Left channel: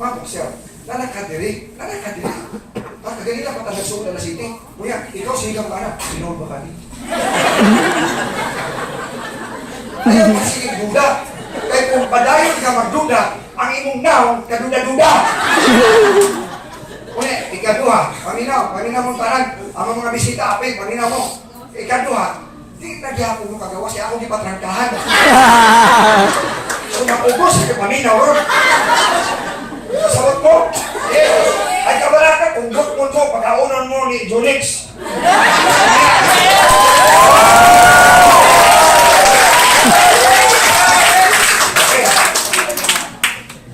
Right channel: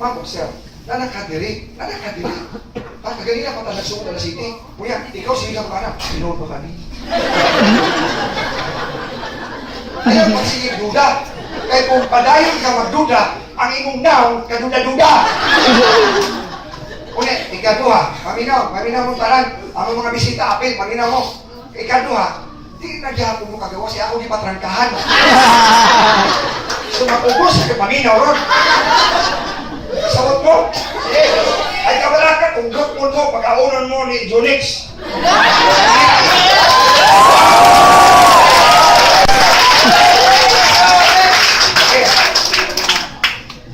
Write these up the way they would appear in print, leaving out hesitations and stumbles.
Ma'am, sir, nanakadiri. At kaganila pa talag sa Dala City. Kuya, ikaw sigang ka na. Sinood ba kami? Ayaw pa sige duda. Kaya kung padayon ka magduda, ang imong naon, kaduda-duda. Kuya, ikaduha. Paminaw mong tanan. Ang mga bisita, apil, paminaw mo. Ikaduha. Di nagyapon mo kagawa siya ako di patrangkahan. So napugos na paminaw ron. Kasabot mo. Ay kabalaka, kung gutmon mo, pagkaunan mo ni Jonix.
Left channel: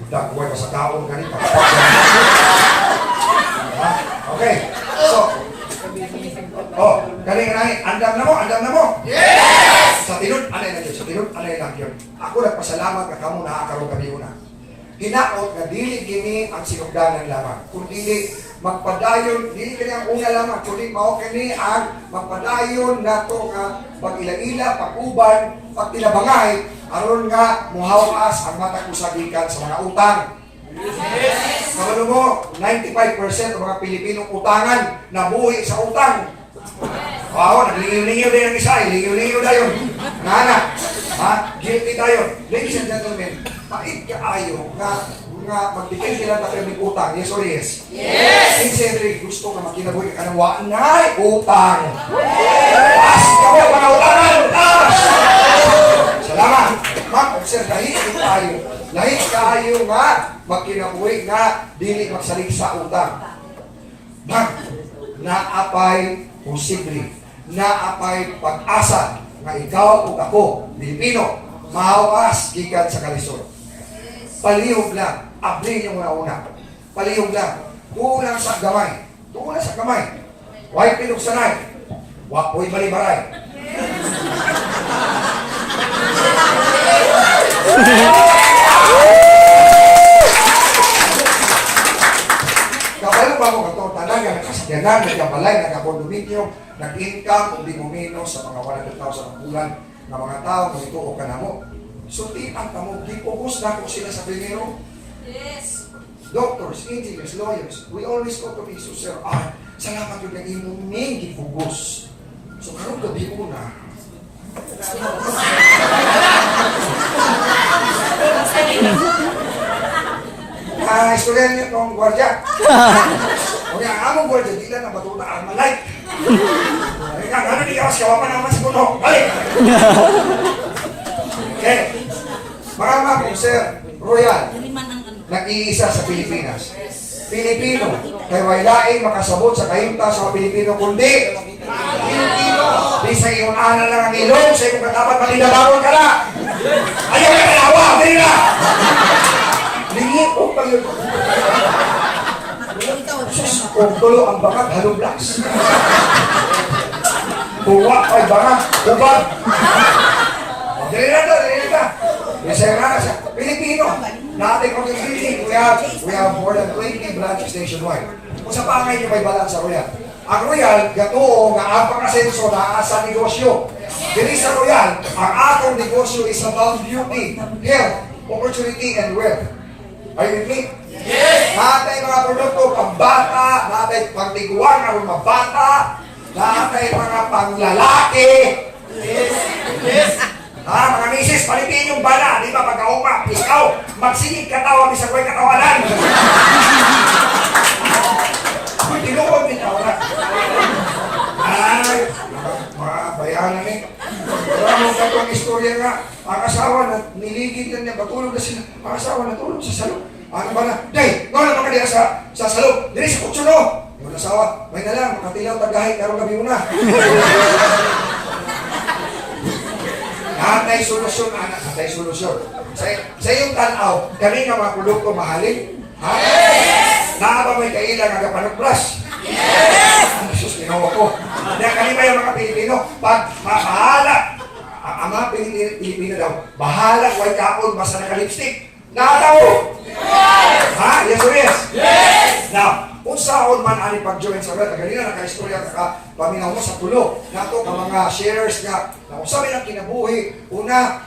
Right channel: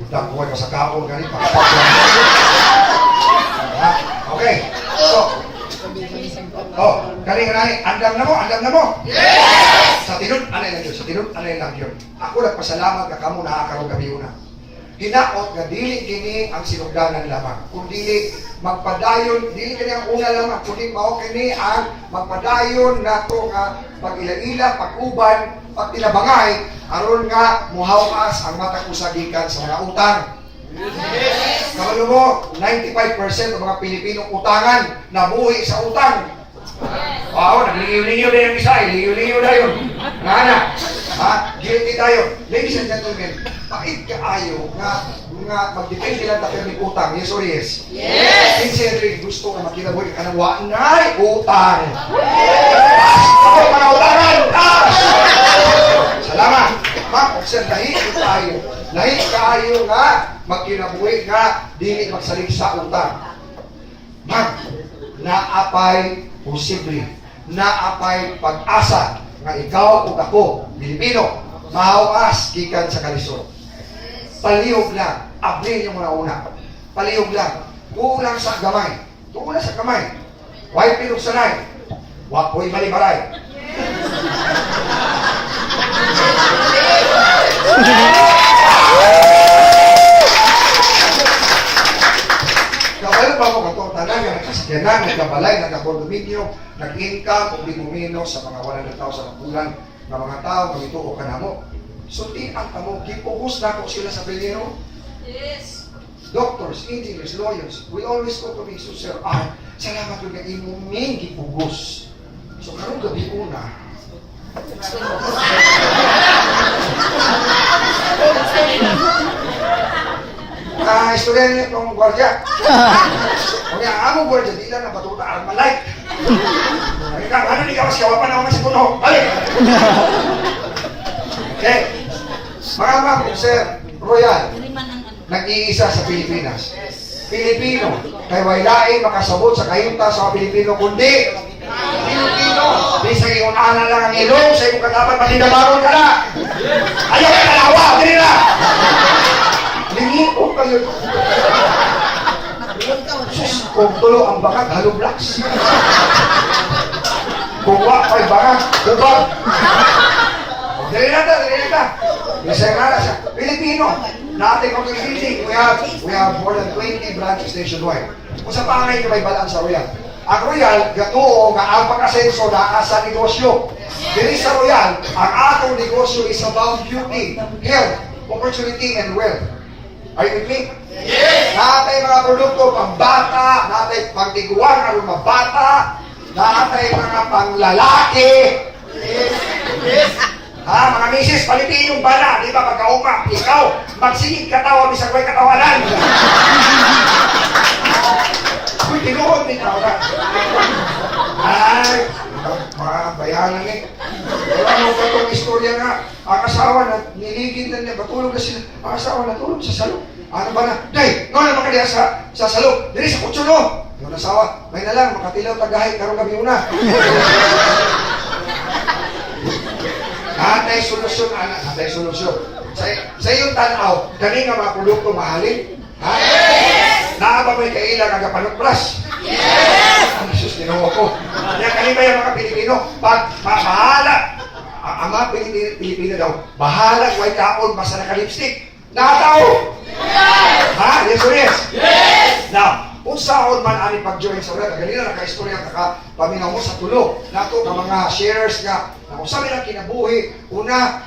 Budak buhay pa sa kaon ganit. Okay. So, galing, andam na mo? Yes! Sa tinun, anay lang yun. Ako nagpasalamat na kamo nakakaroon kami una. Hinaot na dili kini ang sinugdanan lamang. Kung dili magpadayon, dili kini ang una lamang, kundi mao kini ang magpadayon nato nga pag-ila-ila, pag-uban, pag-tilabangay, aron nga muhawas ang matag usagikan sa mga utang. Yes. Kabalo mo, 95% ng mga Pilipinong utangan nabuhi sa utang. Wow, nagliw-liw din ang isa, liw-liw na yun. Nana, guilty tayo. Ladies and gentlemen, pait kaayo nga mag-depende lang tayo ng utang. Yes or yes? Yes! Sincerely, gusto ka makinabuhi ka ng wanay utang. As kamo, mga utangan! Salamat! Ma'am, sir, lahi kayo nga magkinabuhi nga dili magsalig sa utang. Ma'am, naapay posible, naapay pag-asa nga ikaw o ako, Pilipino, mahawas gikan sa kalisod. Palihog lang, abli yung una. Palihog lang, tulang sa gamay. Huwag pilog sanay, huwag po'y balibaray. Kabalo ba mo katong tanan nga nagkasakyanan, nagkabalay, nagkakondominyo, nag-income, kung di bumino sa mga 100,000 ang bulan ng mga tao, kung ituo ka na mo. Sulti ang tamo, gipugos na ko sila sa Pilipino. Yes. Doctors, engineers, lawyers, we always go to Jesus, Sir. Salamat yung imuming gipugos. So karong gabi una, istorya niyo itong gwardiya. O nga, among gwardiya, di lang na batuta ang malay. Sabi ka, ano niya, kawapan naman si Puno. Balik! Okay. Mga ma'am, Sir Royal, nag-iisa sa Pilipinas. Pilipino, kay wailain makasabot sa kayunta sa Pilipino, kundi Pilipino. Di sa iyong ana lang ang ilong, sa iyong katapat, matinabangon ka na. Ayaw ka talawa, dali na! Lingi ko kayo. Kung tulo ang bakag, halo blocks. Kung wakay bakag, ubag. Dali na. Isa nga siya. Pilipino. Natin kung yung building, we have more than 20 branches nationwide. Kung sa pangay nyo may balang sa Royal. Ang Royal, gatuo nga ang pag-asenso na sa negosyo. Dili sa Royal, ang atong negosyo is about beauty, health, opportunity, and wealth. Are you with me? Yes! Natay mga produkto pang-bata, natay pang-tiguan ang mga bata, natay mga pang-lalaki. Yes! Mga misis, palitin yung bala, di ba, pagkauma, ikaw, magsigig katawa, bisag ko'y katawanan. Uy, tinuod din ako na. Ay, mga bayanan eh. Pero ano ba itong istorya nga, ang asawa na niligid na niya, batulog na sila, ang asawa natulog sa salong. Ano ba na? Day, nga naman ka diya sa salong, dili sa kutso no. Yung asawa, may na lang, makatilaw tagahit, karong gabi una. Natay solusyon, anak, natay solusyon. Sa iyong tanaw, kani nga mga produkto mahalin? Ha? Yes! Naaba mo'y kailang agapanag-brush? Yes! Ang Jesus, ginawa ko. Yan, kani ba yung mga Pilipino? Pag bahala, ang mga Pilipino daw, bahala, white kaon, basta naka-lipstick. Nakataw! Yes! Ha? Yes or yes? Yes! Now, kung saan man ani pag-join sa ulat, ganina naka-istorya ka paminaw mo sa tulo. Nato ka mga sharers nga, na kung saan lang kinabuhi, una,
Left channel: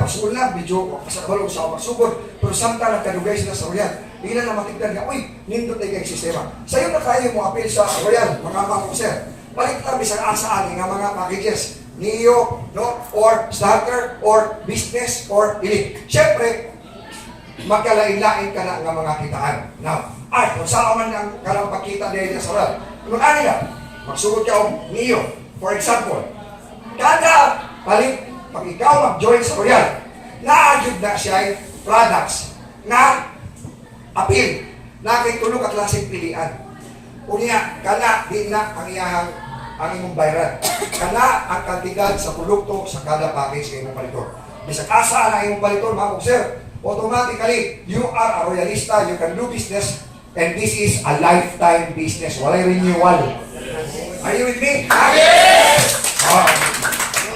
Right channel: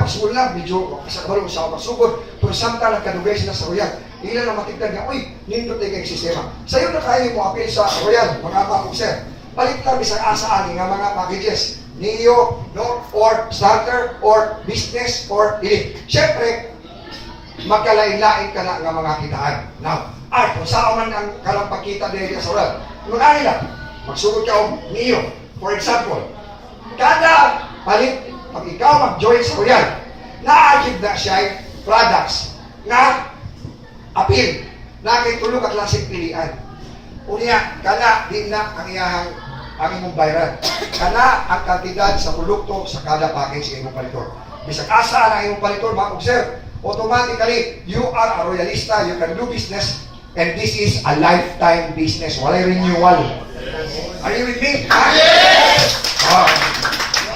pasul na, medyo kasakabalong sa pagsugod, pero samtang nagkadugay sila sa ulat. Ilan na matigdan niya, uy, nindot na kayong sistema. Sa'yo na tayo mo appeal sa Royal, mga sir. Balik lang bisang asa ani nga mga packages. Neo, no? Or starter, or business, or elite. Siyempre, magkalain-lain ka na nga mga kitaan. Now, ay, kung saan man ang kalang pagkita dahil sa Royal, mag-ani lang, magsugot ka o Neo. For example, kada palit, pag ikaw mag-join sa Royal, na-agid na siya products na appeal na kay tulog at lasing pilian. Unya, kana din na ang iyahang ang imong bayaran. Kana ang kantidad sa produkto sa kada package ng imong palitor. Bisag asa na imong palitor, mga sir, automatically, you are a royalista, you can do business, and this is a lifetime business. Walay renewal. Are you with me? Yes!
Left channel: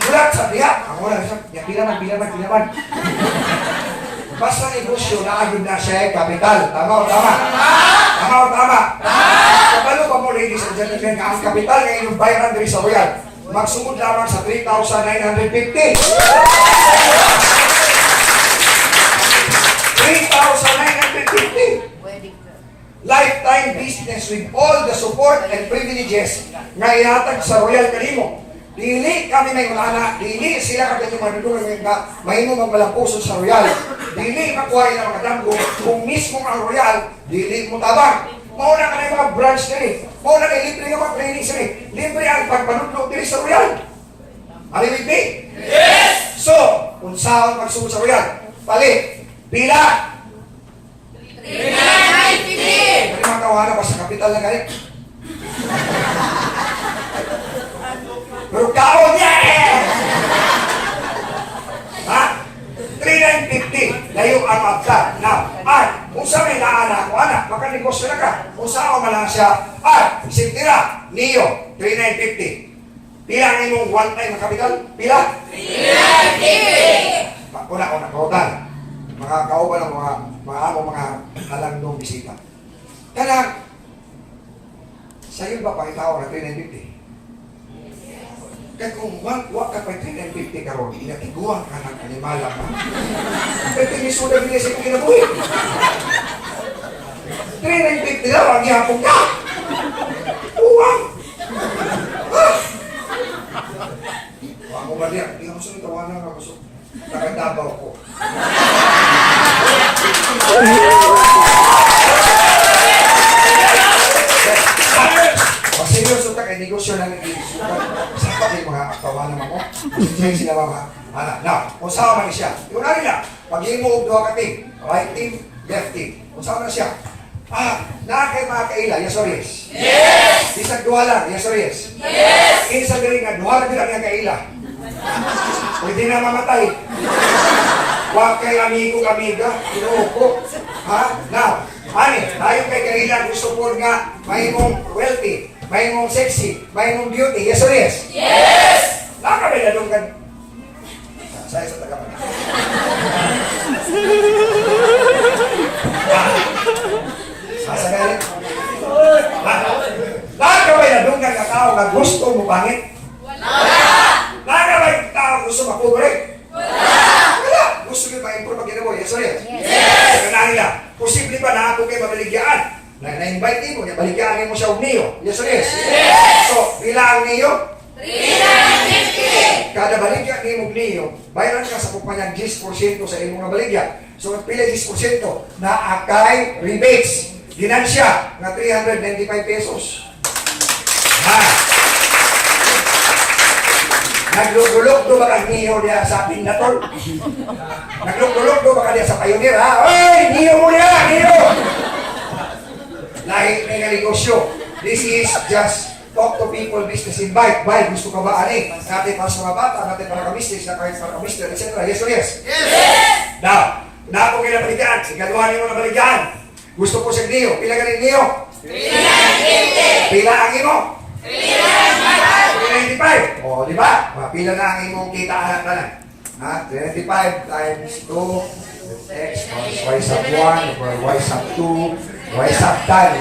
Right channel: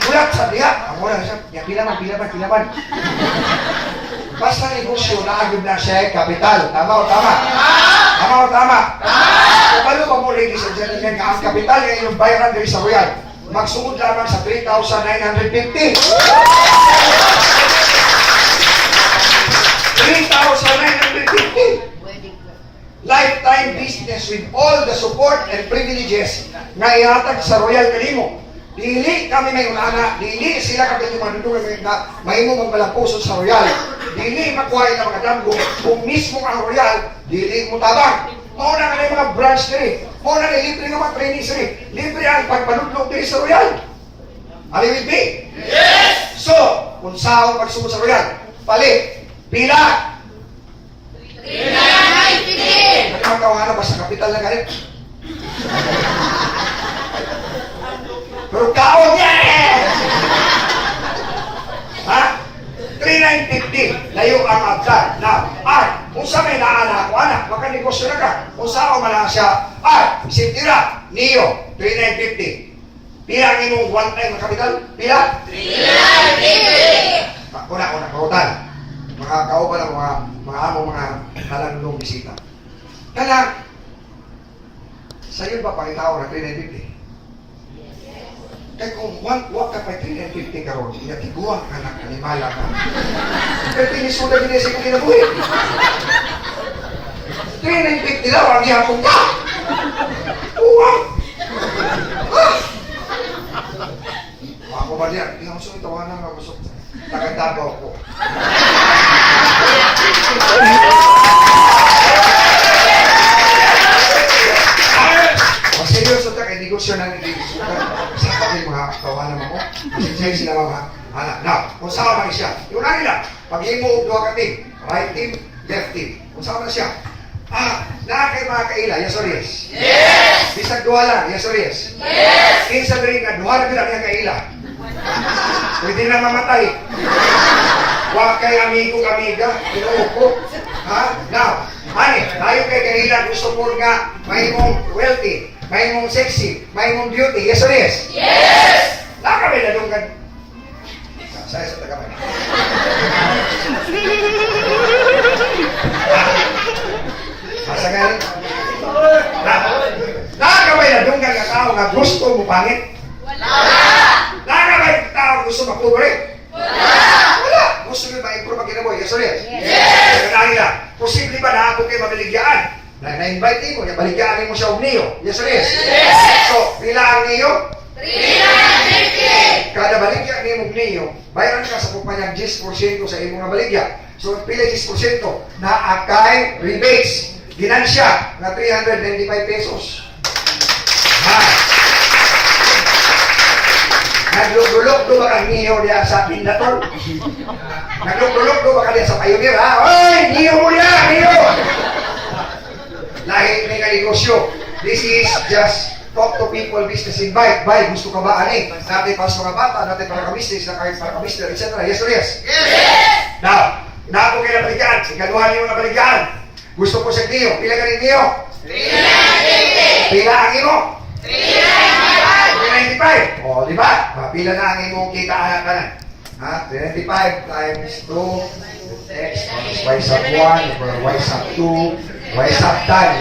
Bulat sa diya. Ang wala siya, bilaman. Basta negosyo na agad na siya kapital. Tama o tama? Tama. Kapalo ba mo, ladies and gentlemen, ang kapital ng inyong bayaran diri sa Royal, magsugod lamang sa 3,950. 3,950. Lifetime business with all the support and privileges nga ihatag sa Royal kanimo. Dili kami may unana, dili sila kami madudungan nga mahimo magmalampuson sa Royal. Dili makuha na mga damgo kung mismo ang Royal, dili mo tabang. Mauna ka na yung mga branch diri. Mauna na libre nga mga training diri. Libre ang pagpanudlog diri sa Royal. Are you with me? Yes! So, kung saan pagsugod sa Royal, palit, pila. 3,950! Ano mga kawahan ba sa kapital na kalit? Pero kaon niya eh! Ha? 3,950. Layo ang abdan. Now, kung sa may naana ako, anak, makanegosyo na ka. Kung saan man lang siya, sintira, Neo, 3,950. Pila ang imong one time ang kapital? Pila? 3,950! Una, kautan. Mga kauban ng mga among mga halandong bisita. Kaya, sa'yo ba pangitao na 3,950? Kaya kung wag ka pa 350 karon, inatiguan ka ng animala pa. Pero pinisuda gini sa ikong kinabuhi. 350 daw ang ihapong ka. Uwag! Ako ba diyan? Hindi ako sunod tawanan ako gusto. Nagadabaw ko. Pag seryoso ta kay negosyo na negosyo sa pagin mga tawanan mo. Sige sila mga anak. Now, kung saan man siya, yung nila, pag himo og duha ka team, right team, left team. Kung saan man siya, na kay mga kaila, yes or yes? Yes! Bisag duha lang, yes or yes? Yes! Kinsa diri nga duha na ang kaila. Pwede na mamatay. Huwag kay amigo-amiga, inuuko. Now, tayo kay kaila gusto po nga may mong wealthy, may mong sexy, may mong beauty, yes or yes? Yes! Nakabay na doon ka. Saya sa taga man. Asa galing? Nakabay na doon ka tao nga gusto mo pangit? Wala! Nakabay tao gusto mapobre? Wala! Gusto nyo ma-improve ang ginawa, yes or yes? Yes! Kaya nila, posible ba na ako kayo mabaligyan? Na-invite mo, baligyan mo siya og Neo, yes or yes? Yes! So, pila ang Neo? 350! Kada baligyan ni mong Neo, bayaran ka sa kumpanyang 10% sa imong nga baligyan. So, pila 10% na akay rebates. Ginansya na 395 pesos. Naglulog-lulog ba kang Neo niya sa Pindator? Naglulog-lulog ba ka niya sa Pioneer, ha? Oy! Neo mo niya! Neo! Lahi may nga negosyo. This is just talk to people, business invite. Bay, gusto ka ba, ani? Natin para sa mga bata, natin para ka-business, na kahit para ka-business, etc. Yes or yes? Yes! Now, na po kayo na balikan. Sigaduhan niyo na balikan. Gusto po sa Neo. Pila ka rin Neo? 350! Pila ang imo? 395! O, di ba? Pila na ang imong kita ka na. 395 times 2 x plus y sub 1 over y sub 2 y sub 10.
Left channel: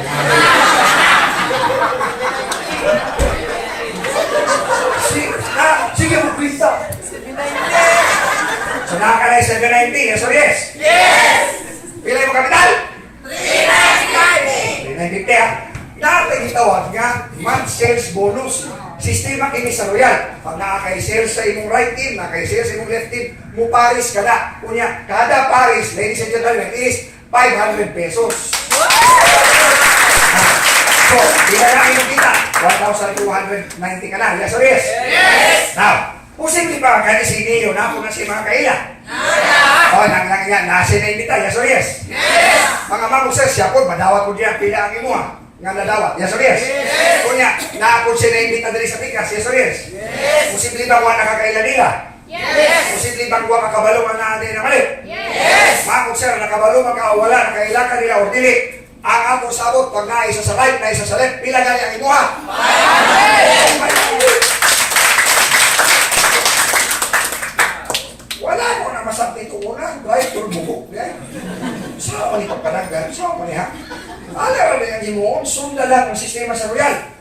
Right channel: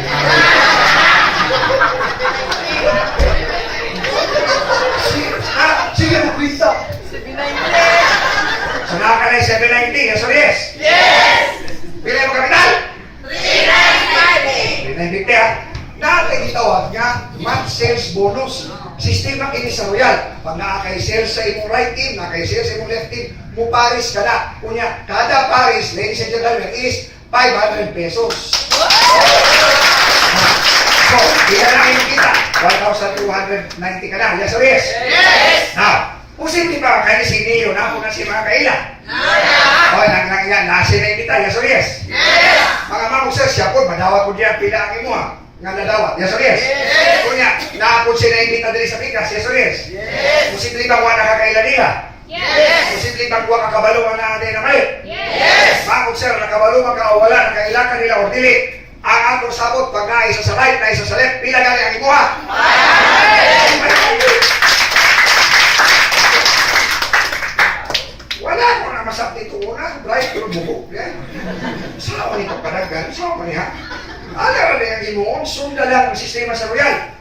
Sige mo, kwenta. 790! So, nakaka na yung 790. Yes or yes? Yes! Pila yung kapital? 350! 3950 ha. Natin itawag nga month sales bonus. Sistema kini sa Royal. Pag nakakay-sales sa imong right team, nakakay-sales sa imong left team, muparis ka na. Kunya, kada paris, ladies and gentlemen, is 500 pesos. So, bila na yung kita, 1,290 ka na. Yes or yes? Yes! Now, posible ba kaya si Neo na kung si mga kaila? O, nasi na yung kita. Yes or yes? Yes! Mga mamuksa, siya po, madawat po diyan pila ang imo nga nadawat. Yes or yes? Yes! Kunya, naapod siya na imbita dali sa pikas. Yes or yes? Yes! Posible ba kuha nakakaila nila? Yes! Posible ba kuha kakabalo nga na na mali? Yes! Mamuksa, nakabalo, makawala, nakaila ka nila o dili. Ang atong sabot, pag naisa sa right, naisa sa left, pila gani ang imuha? 500! Wala ko na masakti ito una. Right, pero buko. Saan ko nito panaggan? Saan ko niya? Alam na yung imuon, sunda lang ang sistema sa Royal.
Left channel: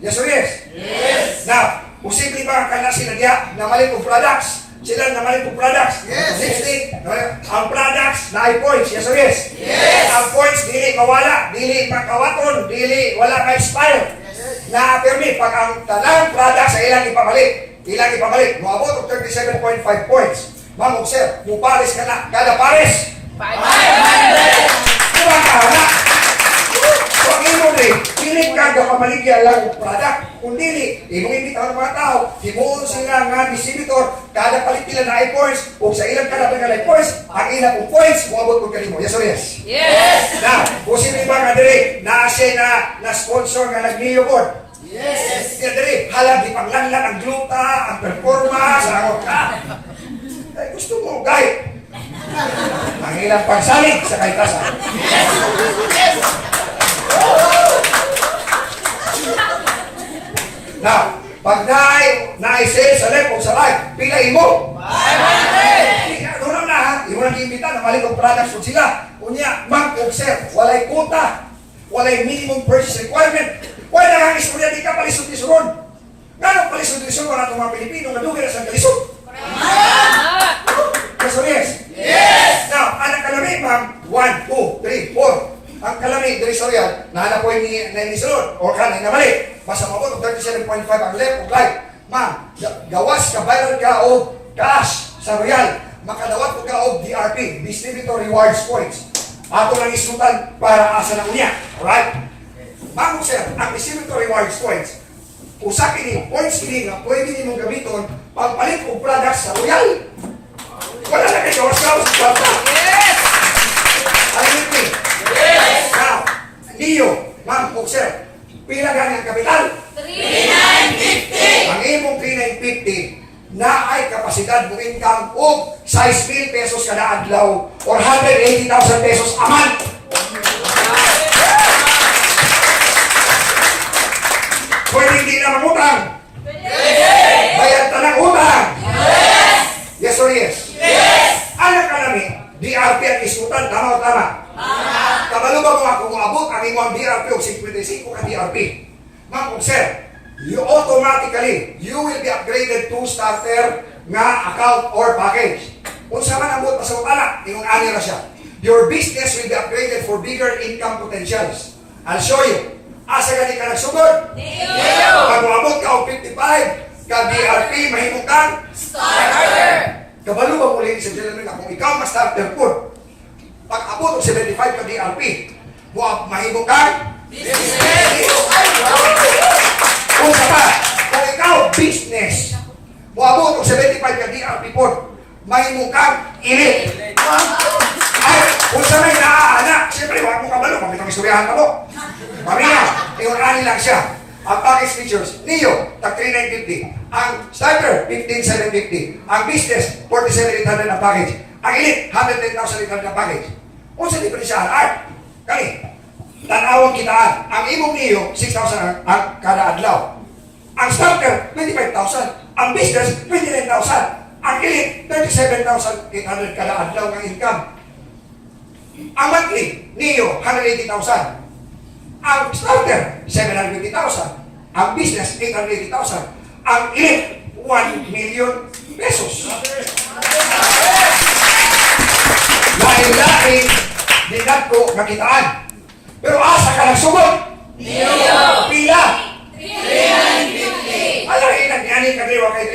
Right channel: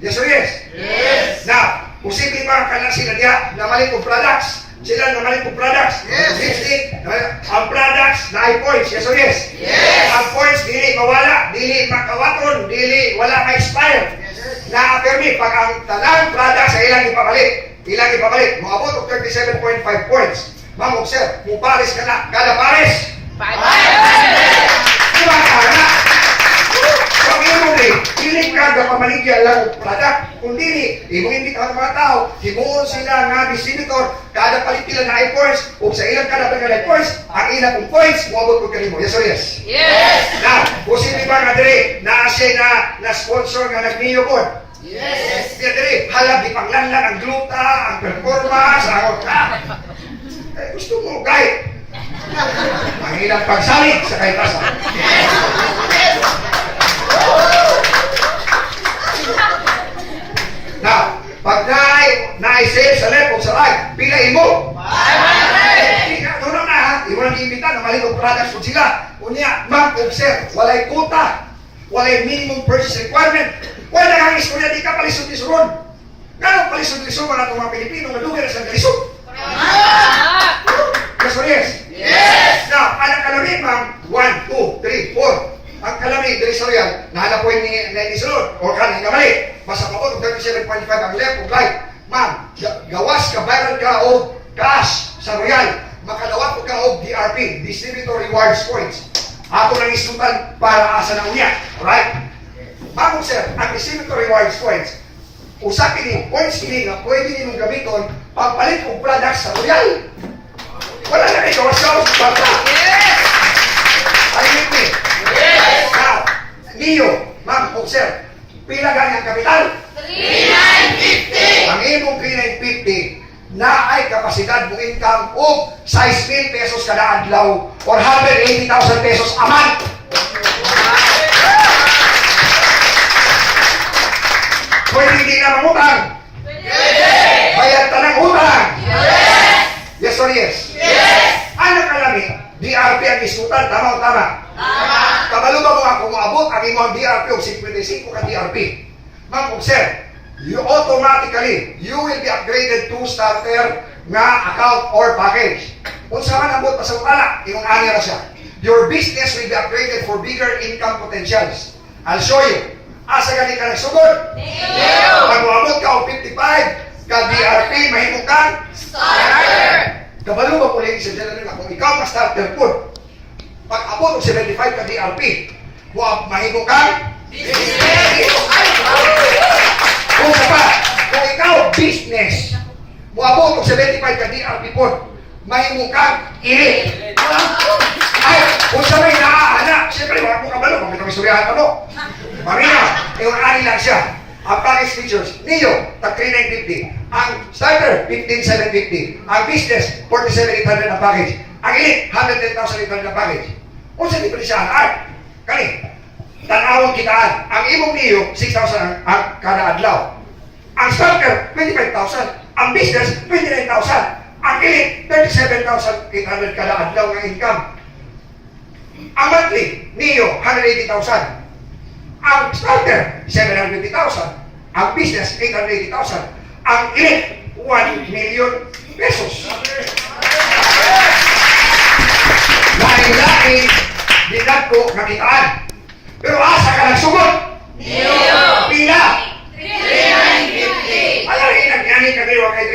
Yes or yes? Yes! Now, posible ba ka na sila diya na mali kong products? Sila na mali kong products? Yes. Lipstick, ang products na ay points. Yes or yes? Yes! Ang points, dili mawala, dili makawaton, dili wala ka-expire. Na-permit, pag ang tanang products sa ilang ipabalik, moabot og 37.5 points. Ma'am, sir, mupares ka na, kada pares. 500! Diba ka na? Pag imo rin, piling ka na pamaligyan lang ang product. Kung dili, imong imbitahan ng mga tao, himuon sila nga distributor, kada palit nila na i-points, o sa ilang kada pa na i-points, ang ilang kong points, muabot ko kanimo. Yes or yes? Yes! Na, posible ba nga diri, na siya na sponsor nga nag-Neo board? Yes! Kaya diri, halag, ipanglanlan ang gluta, ang performance, ang gusto mo, kahit. Ang ilang pagsalit sa kaitasan. Now, pag na-sale sa left o sa right, pila imo? 500! Doon na ha, imo nang iimbita na mali kong products po sila. Unya, ma'am, observe, walay kuta, walay minimum purchase requirement. Wala na hangis ko niya, di ka palisod-lisuron. Gano'ng palisod-lisuron na itong mga Pilipino na dugi na sa kalisod? Yes or yes? Yes! Now, anong kalami, ma'am? 1, 2, 3, 4. Ang kalami, dari sa Royal, nahanap po ni sulod, o kanin na mali. Basta mabot, 37.5 ang left o right. Ma'am, gawas ka, bayad ka o cash sa Royal. Makadawat po ka o DRP, Distributor Rewards Points. Ako lang isutan para asa na unya. Alright? Ma'am, sir, ang Distributor Rewards Points, usapin ni points ini nga pwede ninong gamiton pagpalit og products sa Royal. Wala na kayo gawas-gawas basta. Yes! Alimit ni. Yes! Now, Neo, ma'am, sir, pila gani ang kapital? 3950! Ang imong 3950 na ay kapasidad mong income og 6,000 pesos kada adlaw or 180,000 pesos a month. Pwede hindi na mangutang. Bayad ka ng utang. Yes or yes? Yes! Ano ka namin? DRP ang isutan, tama o tama? Kabalo ba mo ako maabot ang imong DRP o 55 ka DRP? Ma'am, sir, you automatically, you will be upgraded to starter nga account or package. Unsa man ang buot pa sa utala, imong ani ra siya. Your business will be upgraded for bigger income potentials. I'll show you. Asa gani ka nagsugod? Pag maabot ka o 55 ka DRP, mahimong kang Starter! kabalo ba muli sa gentlemen kung ikaw na starter po, pag abot og 75 ka DRP, mahimong kang kung sa pa, kung ikaw business, muabot og 75 ka DRP po, mahimong kang ili. Ay, kung sa may naaanak, siyempre, wala mo kabalo, kung itong istoryahan ka mo. Mamina, iwan-ani lang siya. Ang package features, Neo, tag 3950. Ang starter, 15,750. Ang business, 47,800 ang package. Ang elite, 110,800 ang package. Kung sa diferensyahan, ay, kani, tanawang kitaan. Ang imong Neo, 6,000 ang kada adlaw. Ang starter, 25,000. Ang business, 29,000. Ang elite, 37,800 kada adlaw ng income. Ang monthly, Neo, 180,000. Ang starter, 750,000. Ang business, 880,000. Ang elite, 1 million pesos. Lain-lain, dinag ko nakitaan. Pero asa ka nagsugod? Niyo. Pila? 350. Ayaw rin nag-ani ka diwa kay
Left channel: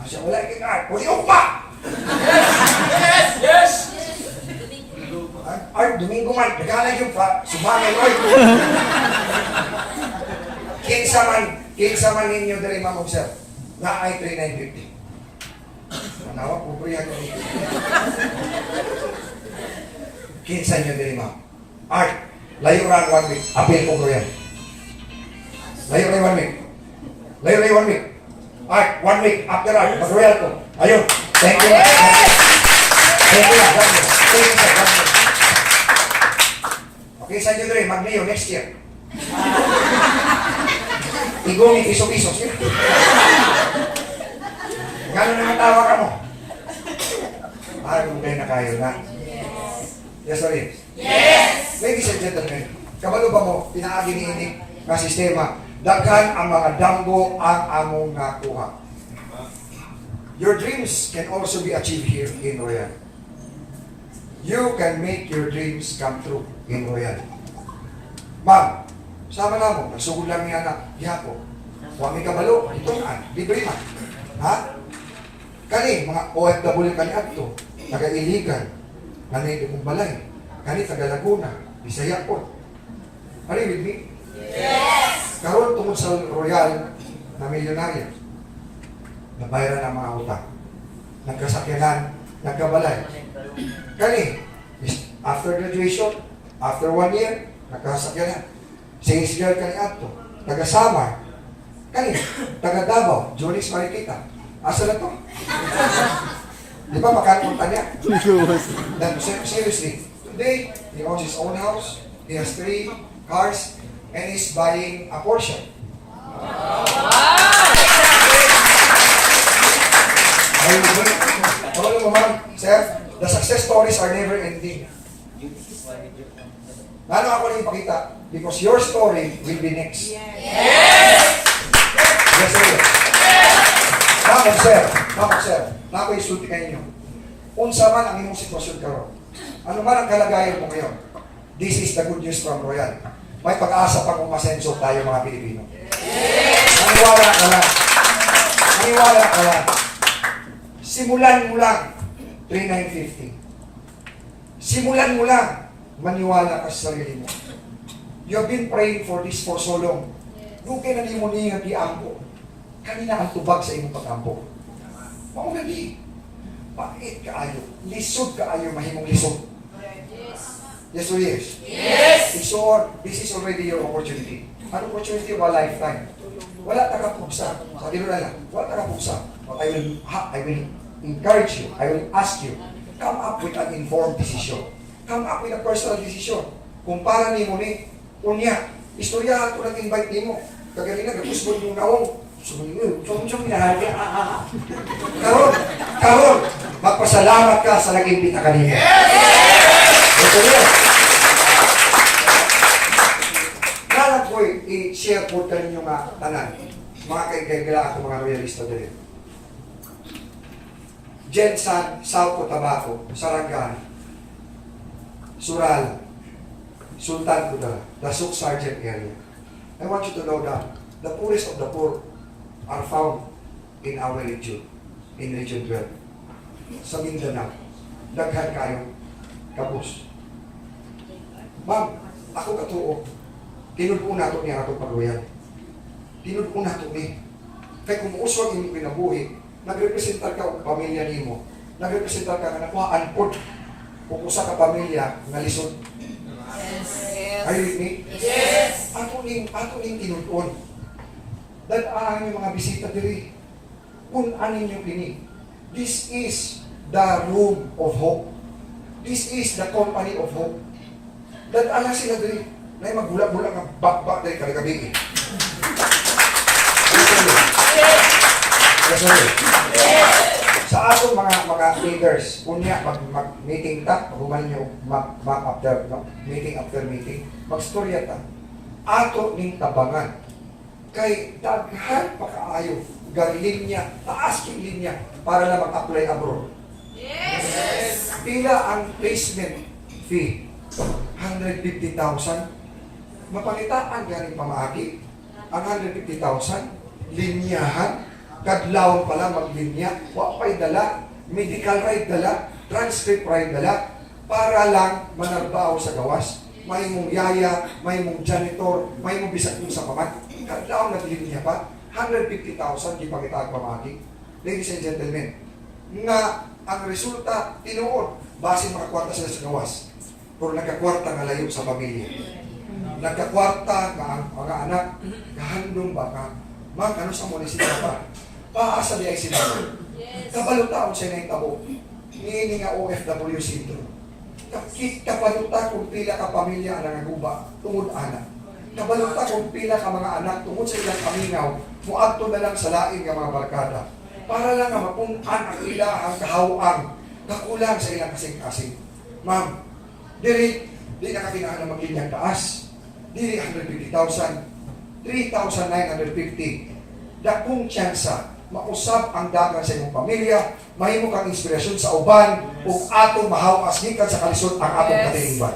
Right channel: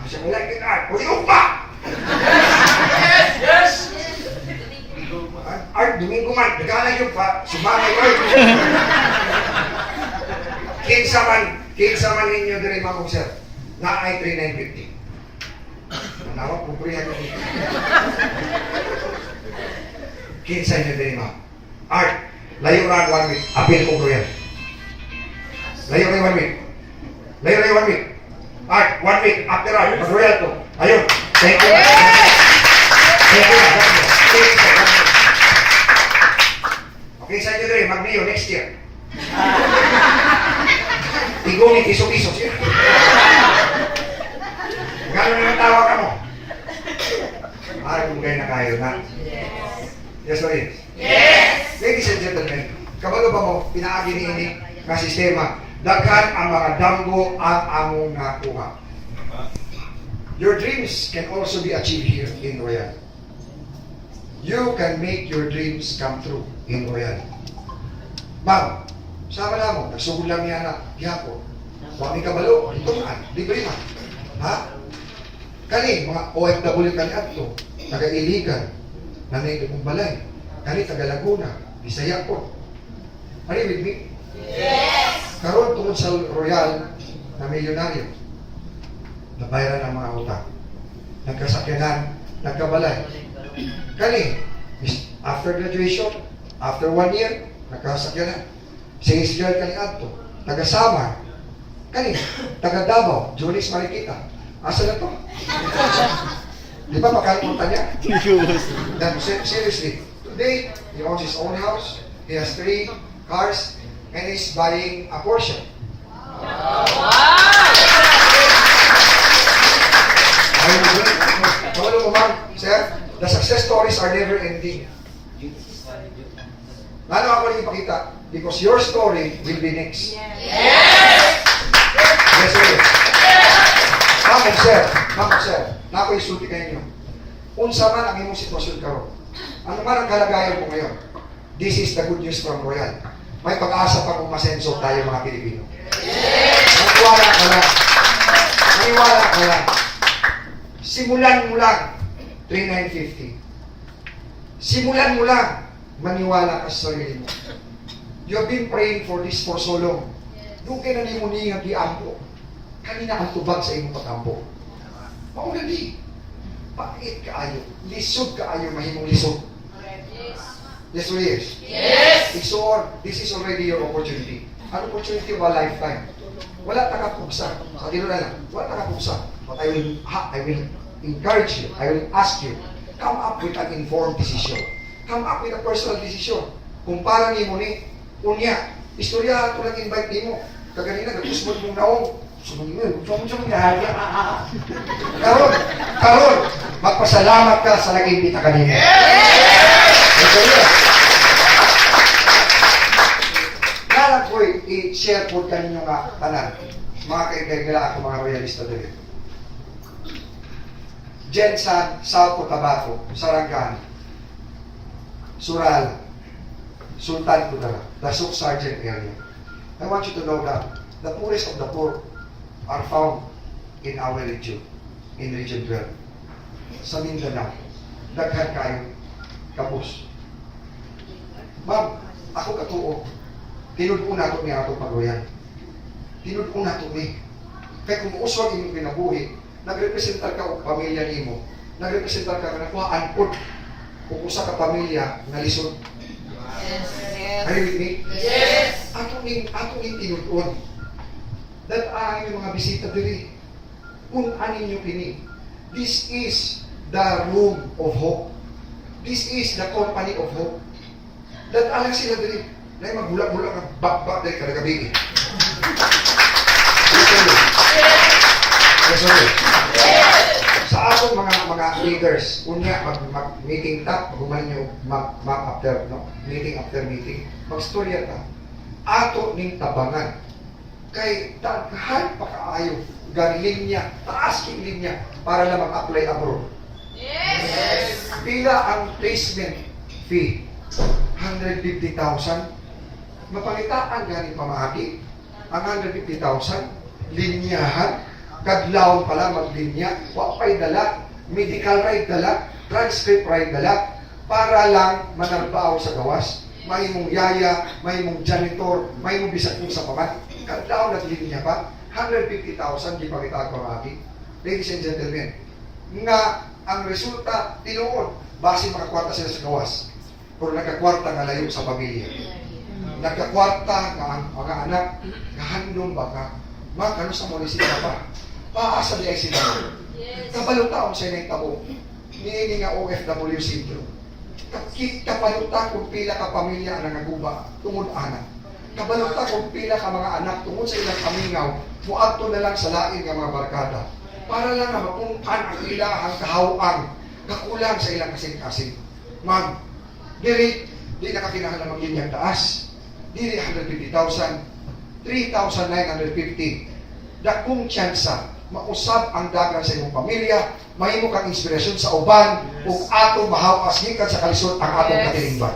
350. Asa wala kita. Pwede ko pa. Yes. Art, Domingo man, naghalag yung pa, sumamay ko. Kinsa man ninyo diri mga sir, na ay 3,950. Manawag po priyan yung ito. Kinsa nyo diri mga. Art, layo ran 1 week, apil ko priyan. Layo rin 1 week. Layo rin 1 week. Art, 1 week, after art, mag-royal ko. Ayun, thank you. Thank you. Thank you, sir. Okay, sa inyo rin, mag-Mio next year. Tigong iso-iso siya. Gano'n naman tawa ka mo? Ay, kung kayo na kayo na. Yes or yes? Yes. Ladies and gentlemen, kabalo ba mo, pinaagi ni ini nga sistema, daghan ang mga damgo ang among nakuha. Your dreams can also be achieved here in Royal. You can make your dreams come true in Royal. Ma'am, sama na mo, nagsugod lang niya na, gihapo. Huwag may kabalo, itungan, libre man. Ha? Kani, mga OFW kani adto, taga-Iligan, nanay kong balay, kani taga-Laguna, Bisaya po. Are you with me? Yes. Karon tungod sa Royal na milyonaryo, nabayaran ang mga utang, nagkasakyanan, nagkabalay. Kani, after graduation, after 1 year, nagkasakyanan. Sales girl kani adto, taga-Samar, kani, taga-Davao, Julis Marikita. Asa na to? Di ba makalimutan niya? Then, seriously, today, he owns his own house, he has 3 cars, and he's buying a Porsche. Ayun, ano mo ma'am, sir? The success stories are never ending. Lalo ako lang ipakita, because your story will be next. Yes. Yes, sir. Ma'am, sir, na ako isulti kayo ninyo. Unsa man ang imong sitwasyon karon. Ano man ang kalagayan mo ngayon, this is the good news from Royal. May pag-asa pa kung masenso tayo mga Pilipino. Maniwala ka lang. Maniwala ka lang. Simulan mo lang, 3,950. Simulan mo lang, maniwala ka sa sarili mo. You have been praying for this for so long. Doon kayo nalimunin ang diampo. Kanina ang tubag sa imong pag-ampo. Mauna di. Pait kaayo. Lisod kaayo, mahimong lisod. Yes or yes? Yes. This is already your opportunity. An opportunity of a lifetime. Wala takapugsa. Sa tino na lang, wala takapugsa. But I will encourage you, I will ask you, come up with an informed decision. Come up with a personal decision. Kung para ni mo ni, unya, istoryahan ko lang invite ni mo. Kaganina, nagpusbol mong naong, Karon, magpasalamat ka sa nag-imbita kanina. Ito yun. Nalang ko i-share po kaninyo nga tanan. Mga kaigagala ako mga royalista dito. Jensan, South Cotabato, Sarangani, Sural, Sultan Kudarat, the Souk Sargent area. I want you to know that the poorest of the poor are found in our region, in Region 12. Sa Mindanao, daghan kayo, kabus. Ma'am, ako katuo, tinud-o na ito niya itong pag-royal. Tinud-o na ito ni. Kaya kung uswag yung pinabuhi, nagrepresentar ka o pamilya ni mo, nagrepresentar ka na nakuhaan po kung usa ka pamilya na lisod. Yes. Are you with me? Yes. Ato ning tinud-on. Dahil ay may mga bisita diri. Kung anin nyo kini. This is the room of hope. This is the company of hope. Dahil alang sila diri. Dahil magbulak-bulak ang bakbak dahil kadagabi. Yes, sorry. Sa atong mga leaders, unya mag-meeting ta, pag-umanin nyo after, no? Meeting after meeting, mag-storya ta. Ato ning tabangan. Kay daghan pa kaayo gang linya, taas king linya para lang mag-apply abroad. Yes. Pila ang placement fee 150,000. Mapangitaan galing pamaagi. Ang 150,000, linyahan, kadlaw pala maglinya, wapay dala, medical ride dala, transcript ride dala, para lang manarbaho sa gawas. May mong yaya, may mong janitor, may mong bisag mong sa paman. Kadlaw naglinya pa, 150,000 di pangita pamagi. Ladies and gentlemen, nga ang resulta, tinuod, base makakwarta sila sa gawas. Pero nagkakwarta nga layo sa pamilya. Nagkakwarta nga ang mga anak, kahandong baka, ano sa munisipyo pa, paasa di ay sila. Kabaluta sa inay tabo, niini nga OFW syndrome. Kabaluta kung pila ka pamilya ang nangaguba, tungod anak. Kabaluta kung pila ka mga anak, tungod sa ilang kamingaw, muadto na lang sa laing nga mga barkada. Para lang nga mapuntan ang ilahang kahawang, kakulang sa ilang kasing-kasing. Ma'am, di nakakinahal na maglinyang taas. Dili 150,000, 3,950. Dakong tsansa, mausap ang dagan sa imong pamilya, mahimo kang inspirasyon sa uban, ug atong mahawas gikan sa kalisod ang atong katilingban.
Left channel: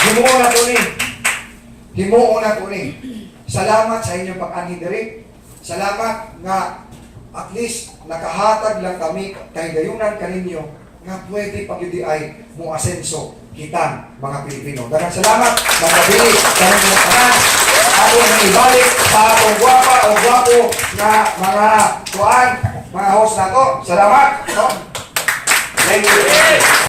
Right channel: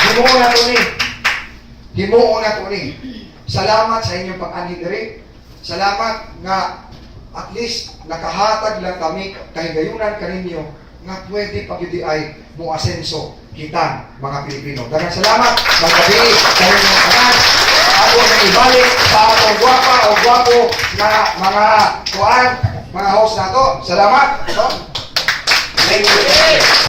Himuon na to ni. Himuon na to ni. Salamat sa inyong pag-anhi diri. Salamat nga at least nakahatag lang kami kahigayunan kaninyo nga pwede pagyudi ay mo asenso kita mga Pilipino. Daghang salamat, magpabili karon mga tanan. Ako nang ibalik sa atong gwapa o gwapo na mga kuan, mga host nato. Salamat. Thank you.